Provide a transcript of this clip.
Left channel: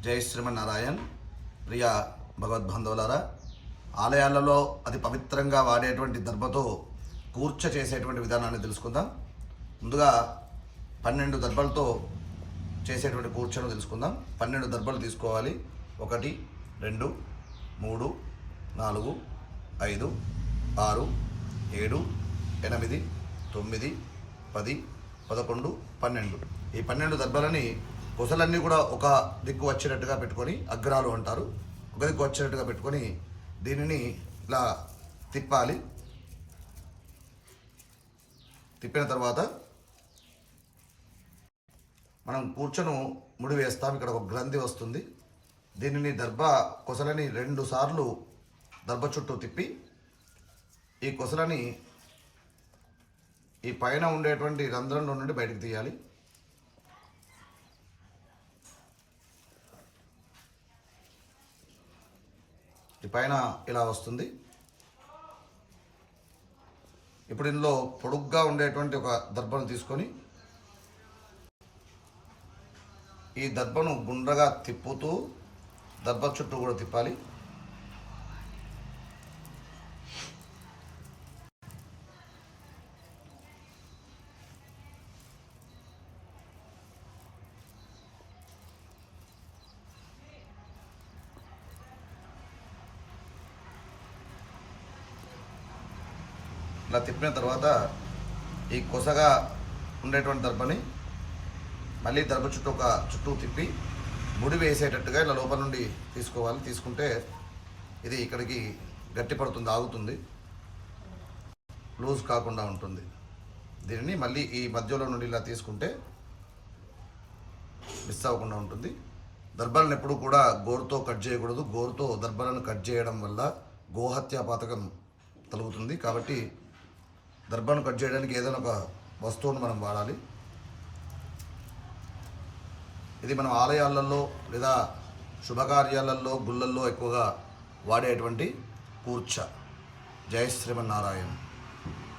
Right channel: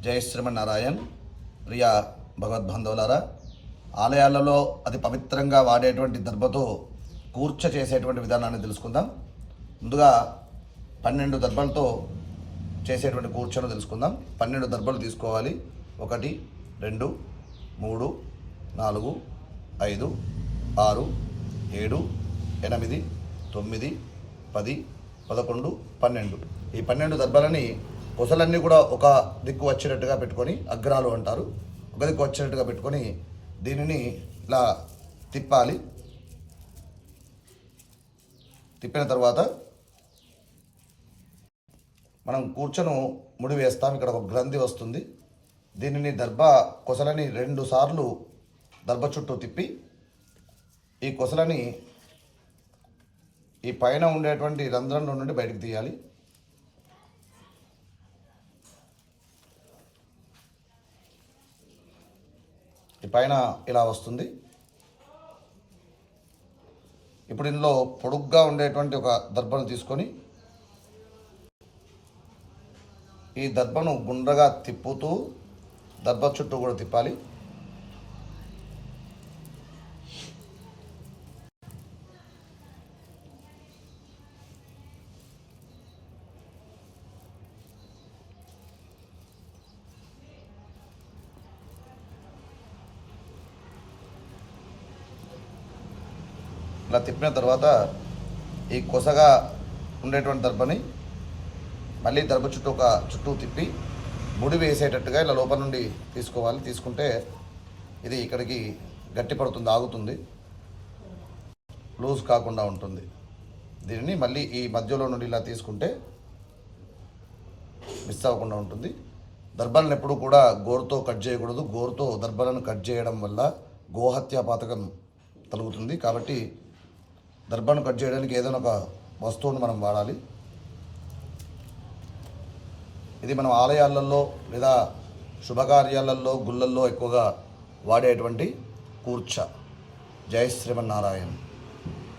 జై శ్రీమన్నారాయణ్. ప్రియ భగవద్బంధువులారా ఆలయాలలో అతి పవిత్రంగా వాడేటువంటి దర్భతో కూర్చ చేసేటువంటి విధానాన్ని తెలుసుకుందాం. ముందుగా పన్నెండు దర్భలతో చేసేటువంటి కూర్చను తెలుసుకుందాం. పన్నెండు దర్భలు తీసుకోవాలి. ఒకటి రెండు మూడు నాలుగు ఐదు ఆరు ఏడు ఎనిమిది తొమ్మిది పది పదకొండు పన్నెండు. ఈ పన్నెండు దర్భలని కొసలన్నీ కూడా ఒక దిక్కు వచ్చేటట్టుగా పెట్టుకొని అగ్రాలు అంటారు. ఒక దిక్కు వచ్చేటట్టుగా పెట్టుకొని దీనిని ఇలా తిప్పాలి. తిప్పిన తర్వాత మనం కూర్చొని ముడి వేస్తాం. ఇక్కడ ఒక గ్రంథి వస్తుంది. దీనిని దర్భ కొసలని రెండు సార్లు దర్భ చుట్టూ తిప్పి ఈ కొసలని ఈ పైన ఉండేటువంటి రంధ్రంలో నుండి బయటకు తీయాలి. ఈ పైన ఇలా వస్తుంది. ఇప్పుడు ఇందులో పొడుగ్గా ఉండేటువంటి ఒక దర్భను తీసుకొని ఈ దర్భను గుండ్రగా తిప్పుతూ దర్భ చుట్టూ కూడా తిప్పాలి. ఇలా తిప్పిన తర్వాత ఈ కొసగా ఉండేటువంటి దర్భని మళ్ళీ దర్భ చుట్టూ ఒక చుట్టూ తిప్పి ముడి వేసేటట్టుగా ఇలా లోపల నుండి తీసుకోవాలి. తీసుకుంటే ఇది ఇక్కడికి గట్టి పడుతుంది ఆగుతుంది. లూజ్ కాకుండా ఉంటుంది. దీనిని మళ్ళీ ఈ మధ్యలో నుండి ఇలా తీసుకుంటే మిస్ అవ్వకుండా ఉంటుంది. దర్భాలను ఎప్పుడు కూడా గోరుతో కట్ చేయకూడదు. గోరుతో దర్భాలను కట్ చేయడం వల్ల గోహత్య పాతకం తలుగుతుంది. కాబట్టి దర్భను కట్ చేయడానికి ఏదైనా ఒక వస్తువును మనం వాడాలి. ఇది మనం ఆలయాలలో లేదా శుభకార్యాలలో గుళ్ళల్లో ఎక్కువగా వాడేటువంటి కూర్చ. జయ శ్రీమన్నారాయణ.